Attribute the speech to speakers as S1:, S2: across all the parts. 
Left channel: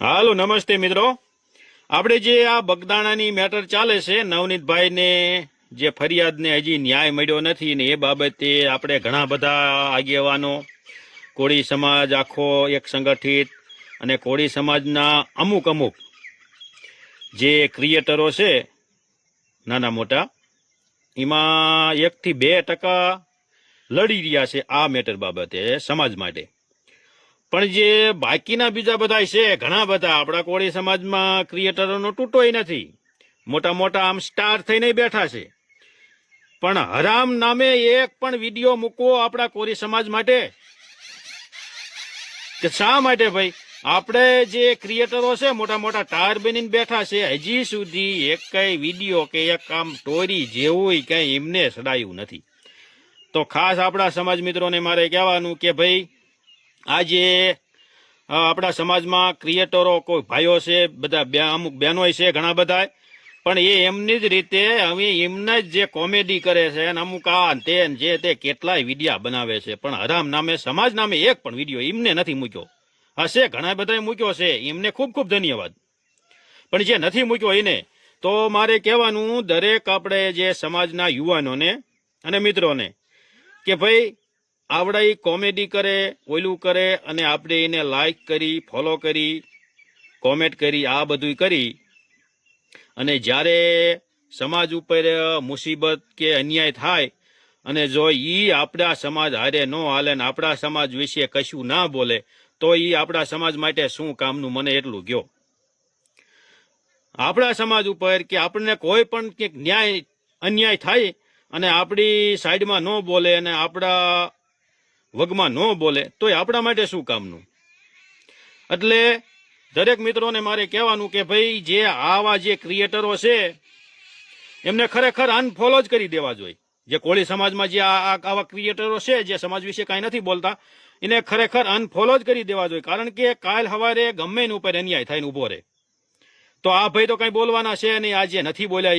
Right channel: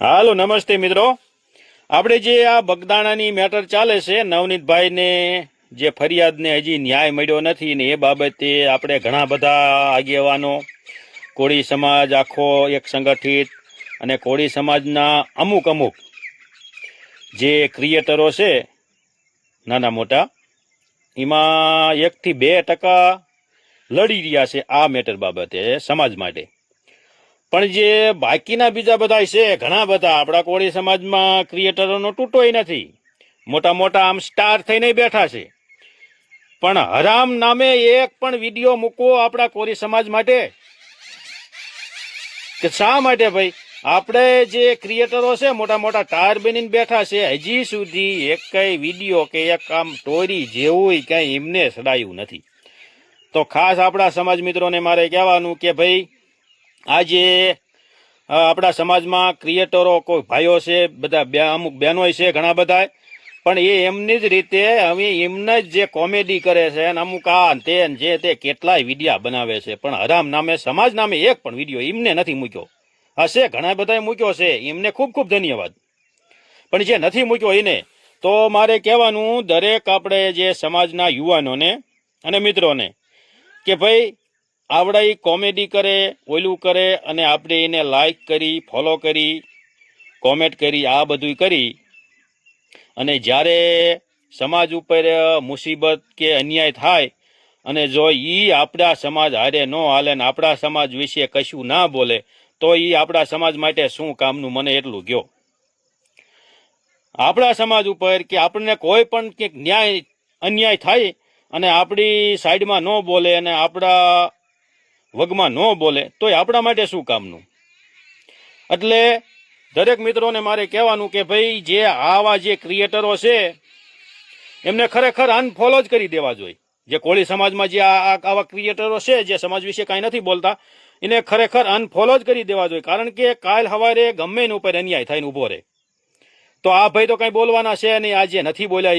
S1: હાલો, નમસ્તે મિત્રો. આપણે જે આ બગદાણાની મેટર ચાલે છે, નવનીતભાઈને જે ફરિયાદને હજી ન્યાય મળ્યો નથી ને એ બાબતે આપણે ઘણા બધા આગેવાનો, કોળી સમાજ આખો એક સંગઠિત અને કોળી સમાજના અમુક અમુક જે ક્રિએટરો છે, નાના મોટા, એમાં એકથી બે ટકા લડી રહ્યા છે આ મેટર બાબતે સમાજ માટે. પણ જે બાકીના બીજા બધા છે, ઘણા બધા, આપણા કોળી સમાજમાં ક્રિએટરોનો તૂટોય નથી. મોટા મોટા આમ સ્ટાર થઈને બેઠા છે. પણ હરામ નામે એક પણ વીડિયો મૂકવો આપણા કોળી સમાજ માટે? કે શા માટે ભાઈ? આપણે જે ક્રિએટરો છે, મોટા મોટા ટાયર બનીને બેઠા છે, હજી સુધી એક કઈ વીડિયો કે એક આમ સ્ટોરી જેવું કઈ એમને સડાયું નથી. તો ખાસ આપણા સમાજ મિત્રોને મારે કહેવાનું કે ભાઈ આજે આપણા સમાજમાં ક્રિએટરો કોઈ ભાઈઓ છે, બધા અમુક બહેનો છે ઘણા બધા પણ એ એમની જ રીતે હવે એમને જ જે કોમેડી કરે છે અને અમુક આ તે જે તે કેટલાય વિડીયા બનાવે છે. પણ હરામ નામે, સમાજ નામે એક પણ વીડિયો એમને નથી મૂક્યો. હશે ઘણા બધાએ મૂક્યો છે. એમને ખૂબ ખૂબ ધન્યવાદ. પણ જે નથી મૂક્યો એને, તો મારે કહેવાનું દરેક આપણે જે સમાજના યુવાનોને અને મિત્રોને કે ભાઈ આવડા કોમેડી કરે, ઓલું કરે અને આપણે એને લાઈક કરી ફોલો કરી કોમેન્ટ કરી, આ બધું કરી. અને જ્યારે સમાજ ઉપર મુસીબત કે અન્યાય થાય અને જો ઈ આપણા સમાજ હારે ન હાલે ને આપણા સમાજ વિશે કશું ના બોલે, તો ઈ આપણા સમાજ માટે શું કામનું? મને એટલું ગયો આપણા સમાજ ઉપર કે આપણને કોઈ પણ કંઈક ન્યાય, અન્યાય થાય અને આપણી સાઈડમાં ન બોલે અને આપણા વગમાં ન બોલે તો એ આપણા માટે શું કામનું? એટલે દરેક મિત્રોને મારે કહેવાનું કે ભાઈ, જે આવા જે ક્રિએટરો છે, એમને ખરેખર અનફોલો જ કરી દેવા જોઈએ. જે કોળી સમાજમાં જે આ આવા ક્રિએટરો છે, જે સમાજ વિશે કાંઈ નથી બોલતા, એને ખરેખર અનફોલો જ કરી દેવા જોઈએ. કારણ કે કાલ સવારે ગમે એની ઉપર અન્યાય થઈને ઊભો રહે. તો આ ભાઈ તો કાંઈ બોલવાના છે નહીં આજે નથી બોલ્યા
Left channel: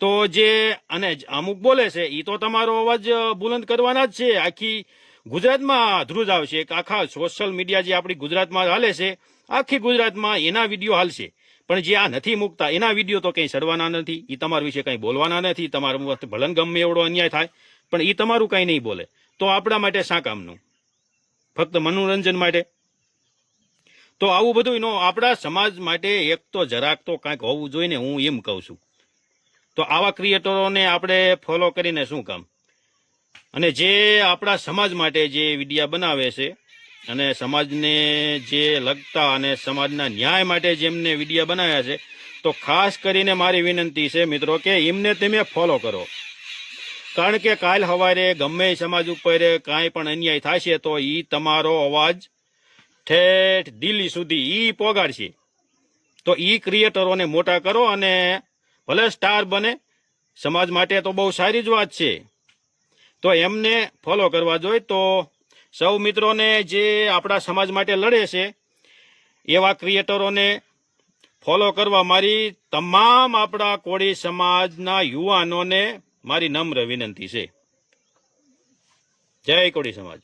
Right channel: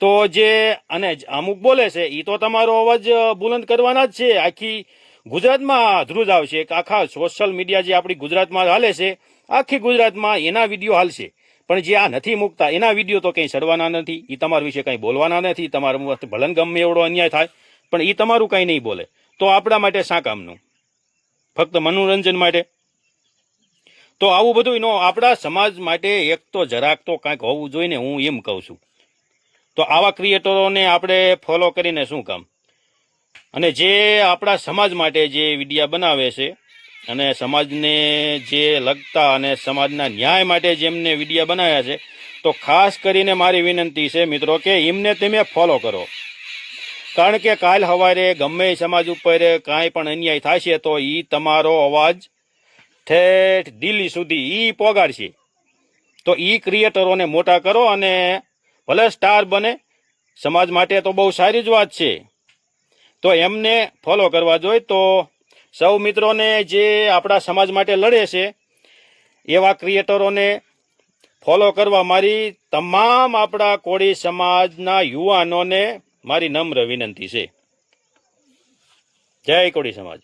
S1: તો જે, અને અમુક બોલે છે એ તો તમારો અવાજ બુલંદ કરવાના જ છે. આખી ગુજરાતમાં ધ્રુજ આવશે. કે આખા સોશિયલ મીડિયા જે આપણી ગુજરાતમાં હાલે છે, આખી ગુજરાતમાં એના વીડિયો હાલશે. પણ જે આ નથી મૂકતા, એના વીડિયો તો કંઈ સડવાના નથી. એ તમારા વિશે કંઈ બોલવાના નથી. તમારું ભલન ગમે એવડો અન્યાય થાય, પણ એ તમારું કંઈ નહીં બોલે. તો આપણા માટે શા કામનું? ફક્ત મનોરંજન માટે? તો આવું બધું નો, આપણા સમાજ માટે એક તો જરાક તો કાંઈક હોવું જોઈએ હું એમ કહું છું. તો આવા ક્રિએટરોને આપણે ફોલો કરીને શું કામ? અને જે આપણા સમાજ માટે જે વિડીયા બનાવે છે અને સમાજને જે લગતા અને સમાજના ન્યાય માટે જેમને વિડીયા બનાવ્યા છે, તો ખાસ કરીને મારી વિનંતી છે મિત્રો કે એમને તમે ફોલો કરો. કારણ કે કાલ સવારે ગમે સમાજ ઉપર કાંઈ પણ અન્યાય થશે તો એ તમારો અવાજ ઠેઠ દિલ્હી સુધી એ પોગાડશે. તો એ ક્રિએટરોને મોટા કરો અને ભલે સ્ટાર બને, સમાજ માટે તો બહુ સારી જ વાત છે. તો એમને ફોલો કરવા જોઈએ તો સૌ મિત્રોને જે આપણા સમાજ માટે લડે છે, એવા ક્રિએટરોને ફોલો કરવા મારી તમામ આપણા કોળી સમાજના યુવાનોને મારી નમ્ર વિનંતી છે. જય કોળી સમાજ.